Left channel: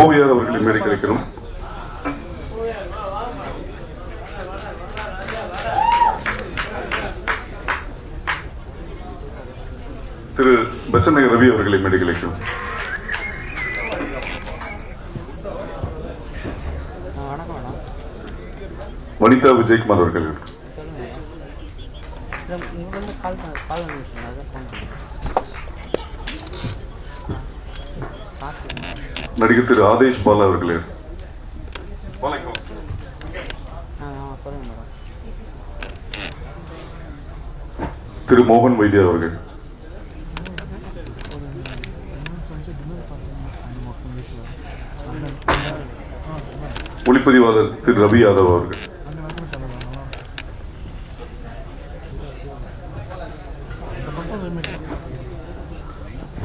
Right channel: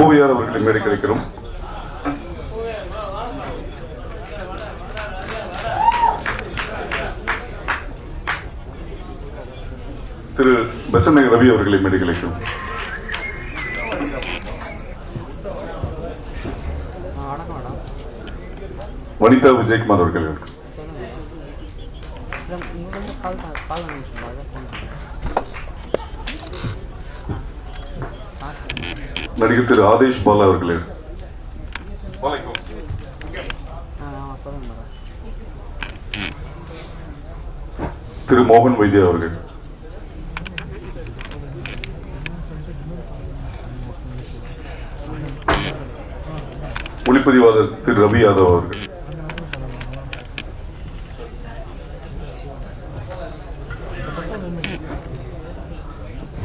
ஓவியர் அவர்களை மேடை கிடைக்கிறோம் திரு பசமை ரவி அவர்களை மேடை கிடைக்கிறோம் வனிதா விஜயகுமார் அவர்கள். நடிகர் திரு ஆதேஷ் பாலா அவர்களே. திரு மோகன் வைத்திய அவர்கள். ஒளிப்பதிவாளர் திரு ரவி யாதவ் அவர்கள்.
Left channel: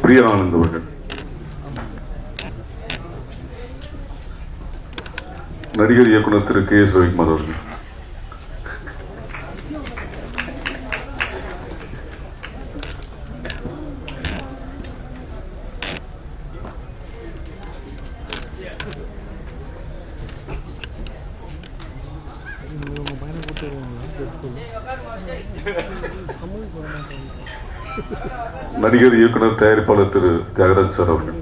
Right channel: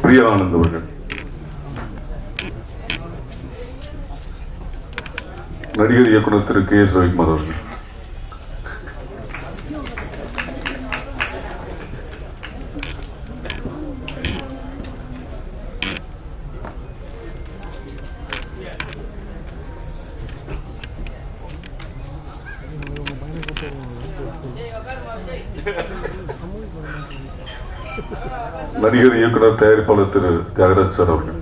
பிரியானந்த் அவர்கள். நடிகர் இயக்குனர் திரு கே எஸ் ரவிக்குமார் அவர்கள். நடிகர் இயக்குனர் தயாரிப்பாளர் திரு தியாகராஜ் சார் அவர்கள்.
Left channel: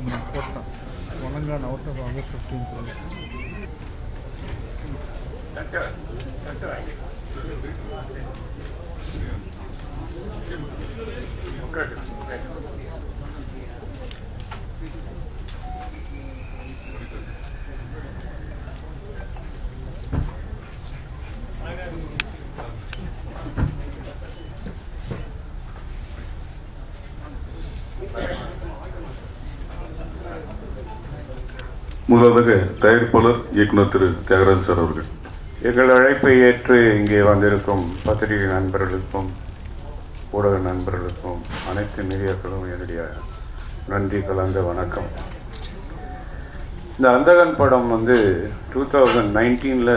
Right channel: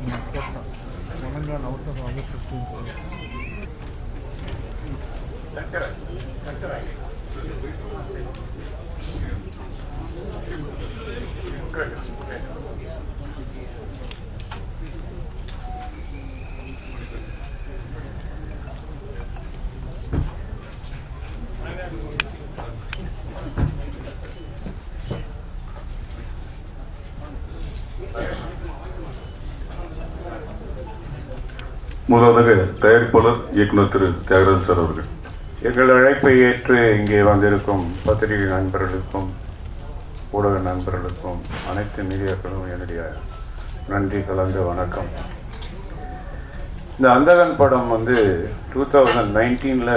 Ramadan out of August 15 policy. Thank you. முதலாவதாக தயாரிப்பாளர் இயக்குனர் திரு தியாகராஜன் சார் அவர்கள். எங்கள் அழைப்பை ஏற்று இங்கே வந்திருக்கும் பத்திரிகை நண்பர்களுக்கும் ஊடக நண்பர்களுக்கும் அனைத்து மீடியாக்களும் என்னுடைய நன்றி கலந்த வணக்கம். இந்த அந்தகன் படம் வந்து டூ தௌசண்ட் நைன்டீனில்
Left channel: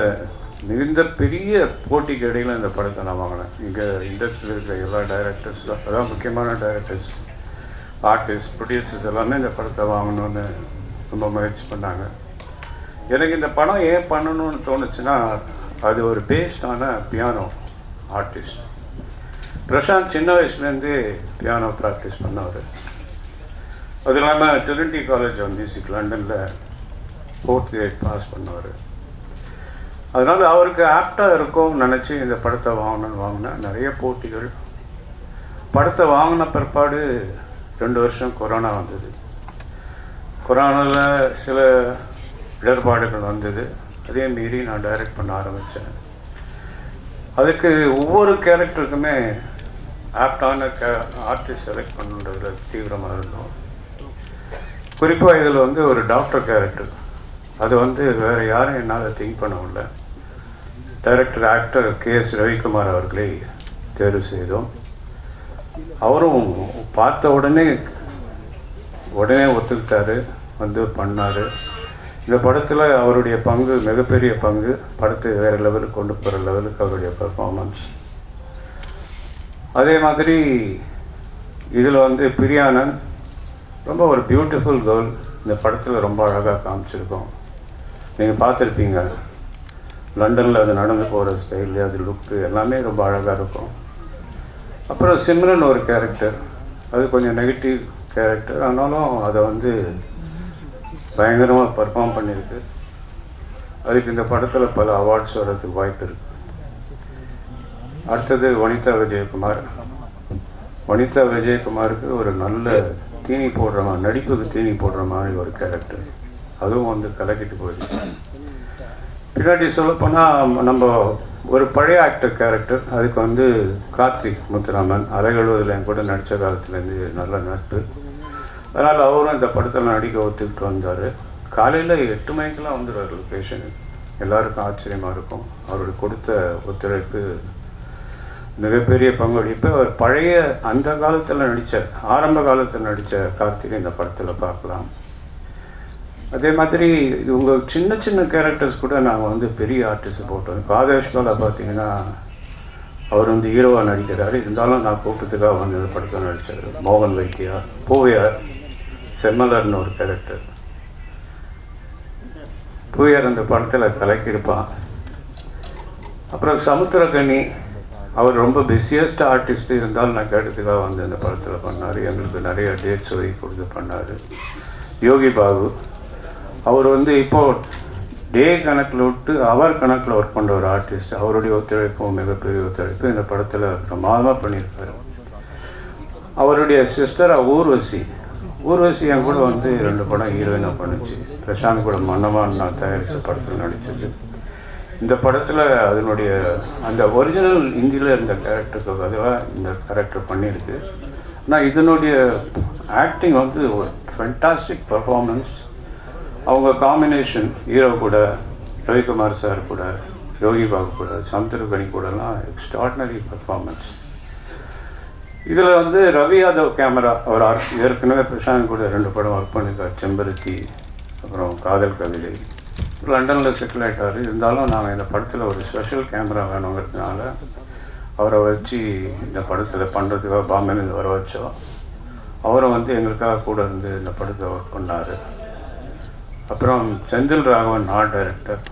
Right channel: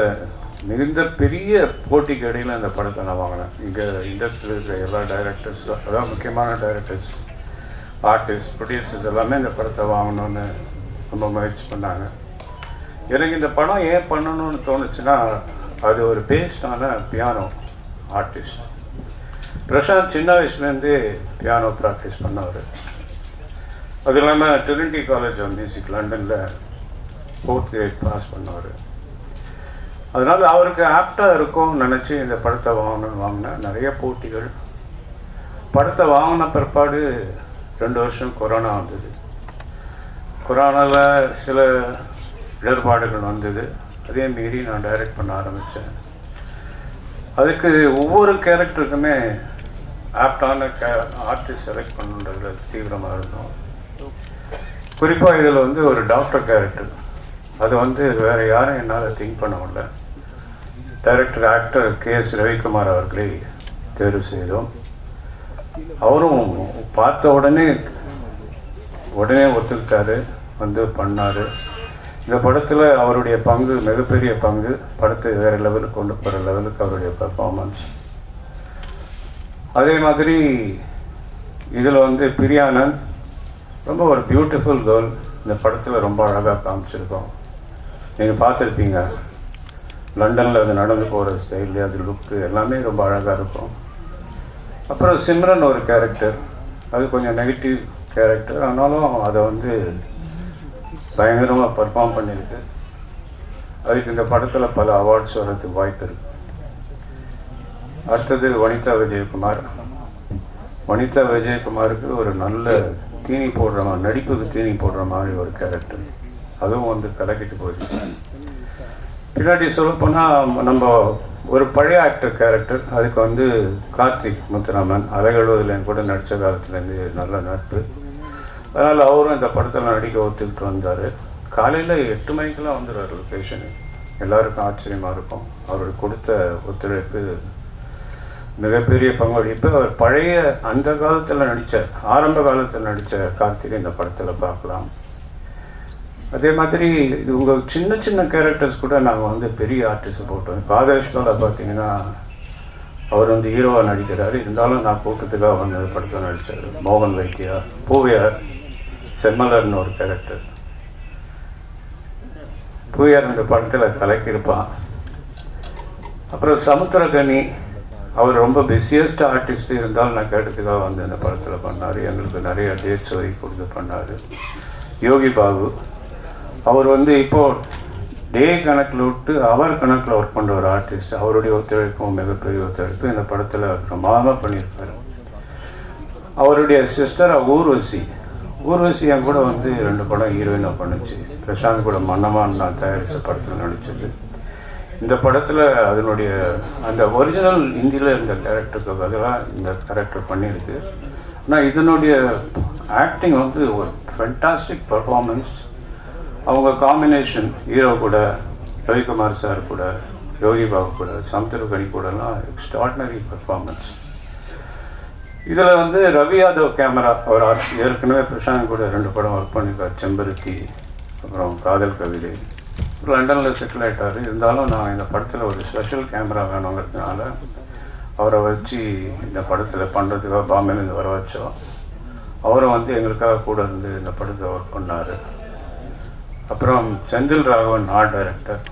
மிகுந்த பெரிய போட்டிக்கு இடையில் அந்த படத்தை நான் வாங்கினேன். இங்கே இண்டஸ்ட்ரியில் இருக்கிற எல்லா டைரக்டர்ஸ் அதாவது முக்கியமான டைரக்டர்ஸ் ஆர்டிஸ்ட் ப்ரொடியூசர்ஸ் எல்லாமே இந்த படத்தை வாங்கணும்னு ரொம்ப முயற்சி பண்ணாங்க. எனக்கு இந்த படம் ஏன் பண்ணணும்னு தோணுச்சுன்னா அது ஒரு பேஸ்டான பியானோ ஆர்டிஸ்ட் பிரசாந்த் சின்ன வயசுலேருந்தே பியானோ ப்ராக்டிஸ் பண்ணவர். அது இல்லாமல் ட்ரினிட்டி காலேஜ் ஆஃப் மியூசிக் லண்டனில் ஃபோர்த் கிரேட் பாஸ் பண்ணவர். அதனால அவருக்கு ஆப்டாக இருக்கும்னு நினச்சி இந்த படத்தை வாங்கணும்னு வாங்கினேன் நிறைய போட்டிகள். படத்தை வாங்கின பிற்பாடு ரெண்டு வருஷம் கொரோனா வந்தது. குரானில் சில இடர்பாடுகள் வந்தது. அதே மீறி நான் டைரக்ட் பண்ண ஆரம்பித்தேன் அதுக்கு ஒவ்வொரு கேரக்டருக்குமே ஆப்டான கே ஆர்டிஸ்ட் செலக்ட் பண்ணுறதுல தீவிரமாக இருந்தோம் குறிப்பாக இதில் வந்து ஒரு டாக்டர் கேரக்டர் அது வந்து வேறு யாரும் என்னால் திங்க் பண்ண முடியல. Director actor K S Ravikumar அவர்களை தேர்வு செய்தோம். அவரும் பார்த்த உடனே உடனே ஒத்துக்கிட்டாரு வந்து பண்ணாரு. இந்த படத்தில் அவருடைய பங்கு மிகப்பெரிய பங்கு படத்தை வேற லெவலுக்கு கொண்டு போகிற லெவலுக்கு அவருடைய பர்ஃபார்மன்ஸ் அதே மாதிரி இதில் வந்து பிரியானன் ரொம்ப ஒரு பியூட்டிஃபுல் கேர்ள் இந்த படத்தில் ரொம்ப அழகாக காமிச்சிருக்கோம். நீங்கள் பார்த்துருப்பீங்க. லண்டனில் அது நடந்து போகிற ஸ்டைலு அது லுக்கு எல்லாமே ரொம்ப அழகாக இருக்கும். அப்புறம் சிம்ரன் ஒரு கேரக்டர் அது கொஞ்சம் நெகட்டிவ் கேரக்டர் ஆனாலும் அதை வந்து பயங்கரமாக பர்ஃபார்ம் பண்ணியிருக்கு. அதுக்கு இந்த படத்தில் பல அவார்ட்ஸ் வர்றதுக்கு வாய்ப்பு இருக்கு. அடுத்தது வனிதா விஜயகுமார். வனிதா விஜயகுமாருக்கு ஒரு நல்ல தீனி போடுற மாதிரி நடிப்புக்கு தீனி போடுற மாதிரி ஒரு கேரக்டர் அதுவும் வந்து கலக்கிட்டு போயிடுச்சு பின்னாடி சொல்லப்போனால் நம்ம ஒரு பழைய ஆக்டர் கேரக்டர் அதுக்கு வந்து கார்த்திக் முத்துராமன் அலைகழுவதில் என் கூட நடித்த காலத்துலேருந்து நல்ல நட்பு. அதனால் அவரும் இந்த படத்தில் நடிக்க ஒத்துக்கிட்டு வந்தார். காலையில் எட்டு மணிக்கெல்லாம் வந்துடுவார் லொக்கேஷனு எல்லாருக்கும் ஆச்சரியமாக இருக்கும். அவருக்கு கொடுத்த ஒத்துழைப்பு மிகப்பெரிய பங்களிப்பு அவர் பழைய அந்த காலத்தில் நடித்த ஆரம்ப காலத்தில் நடித்த கார்த்திகை இந்த படத்தில் பார்க்கலாம். அதே மாதிரி இவங்க சின்ன சின்ன கேரக்டர்ஸ் கூட நாங்கள் வந்து பெரிய ஆர்டிஸ்ட் போட்டோம். காதேஷ்கால பார்த்தீங்கன்னா அவர் வந்து ஹீரோவாக நடிக்கிறாரு. இருந்தாலும் நான் கூட்டத்துக்காக வந்து இந்த படத்தில் நடித்தார் மோகன் வைத்தியா பூவியார் செம்மலர்னு ஒரு கேரக்டர் பூவியார் இந்த படத்தில் கலக்கியிருப்பான். அப்புறம் சமுத்திரகனி அவர் ரொம்ப பிஸியஸ்ட் ஆர்டிஸ்ட் இருந்தாலும் நான் கேட்டதுக்காக வந்து இந்த படத்தில் பண்ணார். எங்களுக்கு நிறைய டேட்ஸ் ஒதுக்கி கொடுத்து பண்ணார். யோகி பாபு அவர் வந்து இப்போ டே கணக்கில் விட்டு அவர் கணக்கில் ஒர்க் பண்ணுற ஒரு ஆர்டிஸ்ட் அவருடைய ஒத்துழைப்பும் மிகப்பெரிய ஒத்துழைப்பு இந்த படத்தில் பிரமாதமாக பண்ணியிருக்காரு. அவருடைய சிஸ்டர் ஊர்வசி. ஊர்வசி என் கூட வந்து ரெண்டு படம் ஹீரோயினாக பண்ணுச்சு. பிரசாந்த் கூட மன்னமான் நான் தயாரித்த படத்தில் நடிச்சது. இந்த படத்தில் அதனுடைய அந்த ஒரிஜினல் இந்தியில் இருந்த கேரக்டருக்கு பதிலாக இந்த கேரக்டர் பண்ணியிருக்கு. ஆனால் இதனுடைய ஆக்டிங் வந்து ஒரு ஃபென்டாஸ்டிக் பர்ஃபார்மன்ஸ் அவங்க காம்பினேஷன் ஹீரோ கூட ரவிக்குமார் சார் கூட யோகி பாபு கூட சமுத்திரகனி கூடலாம் எக்ஸ்ட்ராடினரி பர்ஃபார்மன்ஸ் இதில் வந்து ரவி யாதவ் கேமரா அவர் ஆர்- ஏற்கனவே பிரசாந்த் கூட ரெண்டு படம் ஒர்க் பண்ணியிருக்கார் செம்பருத்தி அப்புறம் காதல் கவிதை. லண்டனில் செட்டில் ஆகிட்டார் இருந்தாலும் நாங்கள் இந்த படத்தில் ஒரு ஸ்பெஷல் கேமரா வேணுங்கிறதுனால அவரை வச்சு இந்த படத்தில் பண்ணுறதுக்காக பாம்பேலேருந்து வர வச்சோம். அவரும் வந்து எங்களுக்காக கூட இருந்து இந்த படத்தை ஒர்க் பண்ணார். அப்புறம் செந்தில் ராகவன் ஆர்ட் டைரக்டர்.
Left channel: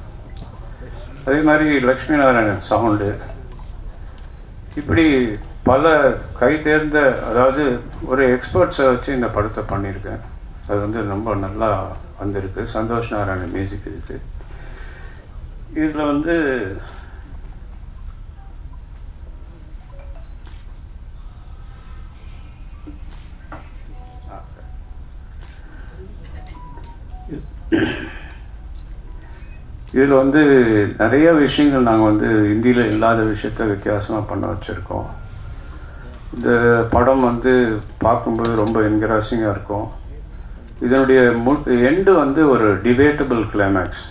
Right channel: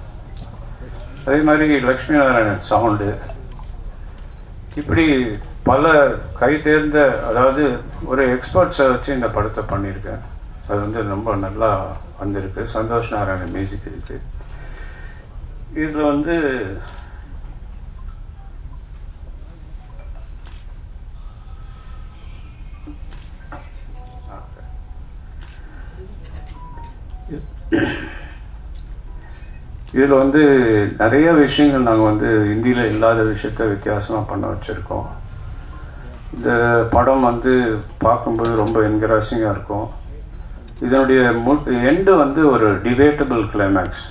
அதே மாதிரி லக்ஷ்மி நாராயணன் சவுண்டு. இப்படி பல கை தேர்ந்த அதாவது ஒரு எக்ஸ்பர்ட்ஸை வச்சு இந்த படத்தை பண்ணியிருக்கேன். அது வந்து ரொம்ப நல்லா வந்திருக்கு. சந்தோஷ் நாராயணன் மியூசிக் இருக்குது இதில் வந்து இதில் வந்து நிறைய விஷயங்கள் நாங்கள் வந்து இந்தியில் இல்லாத விஷயத்த வித்தியாசமாக பண்ண வச்சுருக்கோம். இந்த படம் வந்து பார்க்கும்போது ரொம்ப என்கராசிங்காக இருக்கும். இதனுடைய மு எண்டு வந்து ஒரு டிபேட்டபிள் கிளைமேக்ஸ்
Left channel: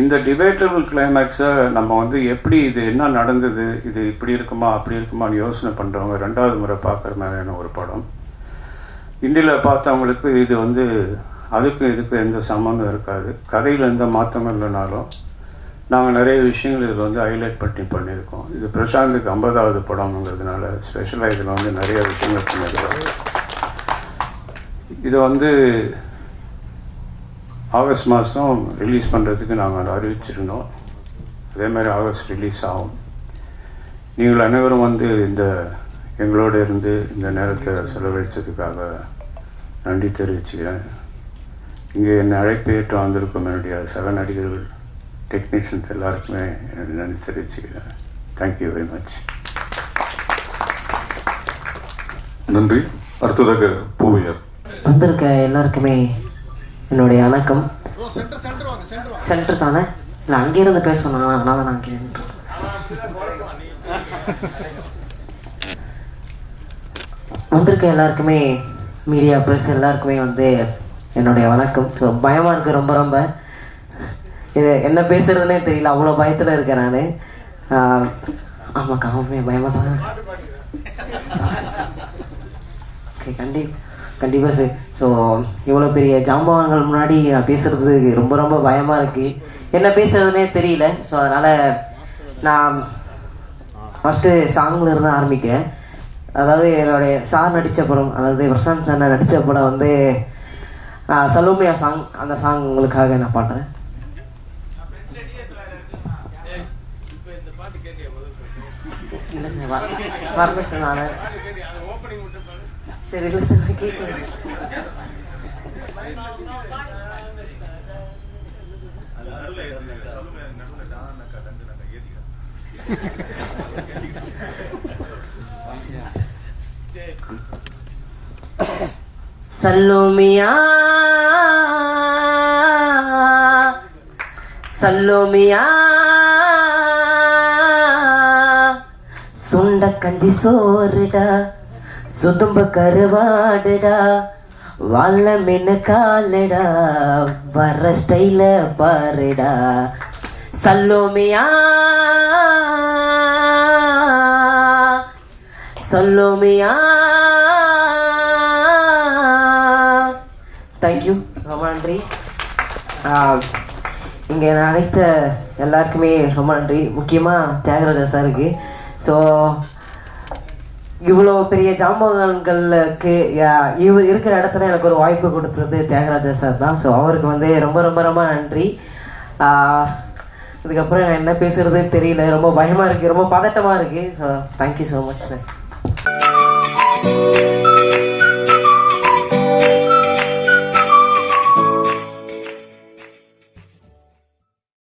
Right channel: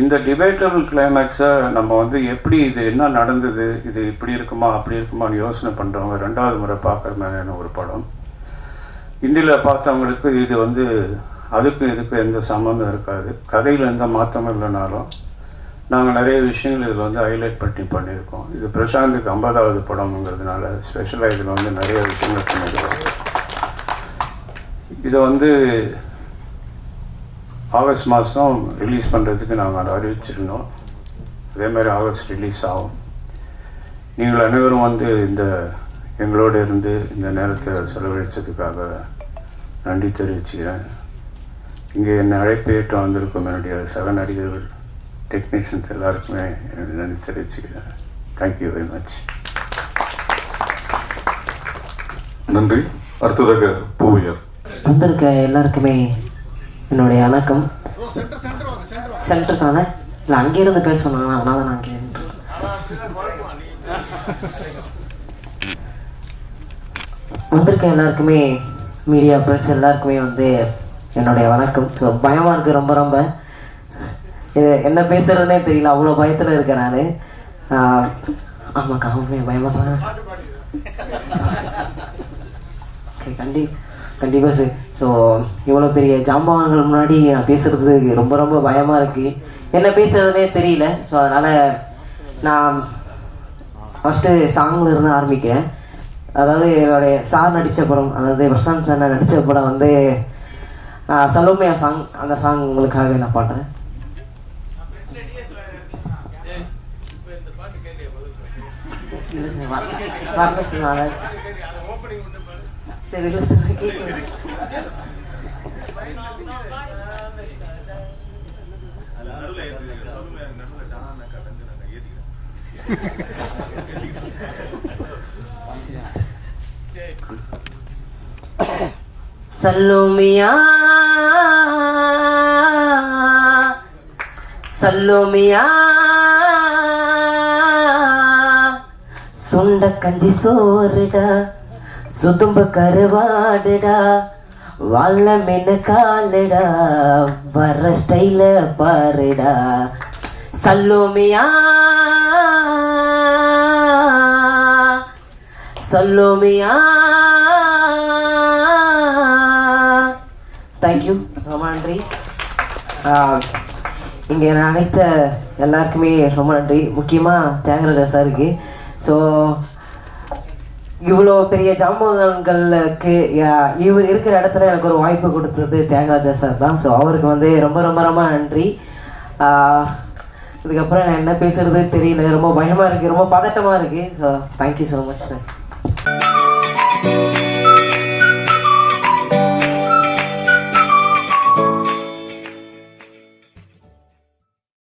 இந்த டிபேட்டபிள் கிளைமேக்ஸை நம்ம வந்து எப்படி இது என்ன நடந்தது இது இப்படி இருக்குமா அப்படி இருக்குமான்னு யோசனை பண்ணுறவங்க ரெண்டாவது முறை பார்க்குற மாதிரியான ஒரு படம். இந்தியில் பார்த்தவங்களுக்கு இது வந்து அதுக்கும் இதுக்கும் எந்த சம்மந்தம் இருக்காது. கதையில் எந்த மாற்றமும் இல்லைனாலும் நாங்கள் நிறைய விஷயங்கள் இதில் வந்து ஹைலைட் பண்ணி பண்ணியிருக்கோம். இது பிரசாந்துக்கு ஐம்பதாவது படம்ங்கிறதுனால ஸ்பெஷலாக இதில் வந்து நிறைய விஷயங்கள் பண்ணியிருக்கோம். இதை வந்து ஆகஸ்ட் மாதம் ரிலீஸ் பண்ணுறதுக்கு நாங்கள் அதை அறிவிச்சிருந்தோம். அதே மாதிரி ஆகஸ்ட் ரிலீஸ் ஆகும். நீங்கள் அனைவரும் வந்து இந்த எங்களோட இருந்து இந்த நேரத்தில் செலவழித்ததுக்காக நன்றி தெரிவிச்சுக்கிறேன். இங்கே என்னை அழைப்பு ஏற்று வந்திருக்கும் என்னுடைய சக நடிகர்கள் டெக்னீஷியன்ஸ் எல்லாருக்குமே என்னுடைய நன்றி தெரிவிச்சுக்கிறேன். தேங்க்யூ வெரி மச் நன்றி. அடுத்ததாக பூவையார் வந்திருக்க எல்லாருக்குமே என்னுடைய வணக்கம். சென்டருக்கான இல்லை அங்கேருந்து பேசணும் அதனால நான் அங்கே வந்திருக்க எல்லாருக்குமே மீடியா ப்ரெஸ் எல்லாருக்குமே வந்து என்னுடைய வணக்கம். பயமாக பயமா இருக்கு ரொம்ப ரொம்ப. இது என்ன பேசுறதுனே தெரியல அவ்வளோ பயத்தில் இருக்கேன் நான். ஆமாக்கா அவன் பயமா தான் கண்டி கண்டிப்பாக சார். ஸோ இவ்வளோ பெரிய ஜாம்பவான்கள் முன்னாடி நான் பேசுறது ரொம்ப ரொம்ப பயமாக இருக்குது என்ன பேசுறதுனே தெரியல. ஸோ அதனால் நான் ஃபஸ்ட்டு சாங்ல இருந்து ஆரம்பிக்கிறேன். அதாவது என்னுடைய சார் நடித்த படம் அதாவது பிரசாந்த் சார் நடித்த படம் வந்து சலோமியா சாங் அந்த சாங் உங்களுக்காக நான் பாடுறேன். சார், இல்லை சார் சல்லுமியா. சல்லுமியா. சுண்ட கஞ்சி சோறுடா. சுதும்பு கருவாடுடா. வாழ மீன் காலுடா. வர ஸ்டைல பாருடா. சல்லோமியா. சல்லோமியா. தேங்க்யூ ரொம்ப நன்றி. இங்கே இங்கே அழைத்த எல்லாருக்குமே ரொம்ப நன்றி. முக்கியமாக தியாகராஜா சாருக்கு. ஸோ இவ்வளோ பெரிய ஜாம்பவான்களுக்கு இவர் இருக்கிற இடத்துல எனக்கு ஒரு வாய்ப்பு கொடுத்தது தியாகராஜா சார் தான். ஸோ அவருக்கு வந்து ரொம்ப ரொம்ப ரொம்ப நன்றி. இதுக்கப்புறம் நான் என்ன பேசுறது தெரியல. ரொம்ப பயமாக இருக்குது ரொம்ப பதட்டமாக இருக்குது so thank you so much sir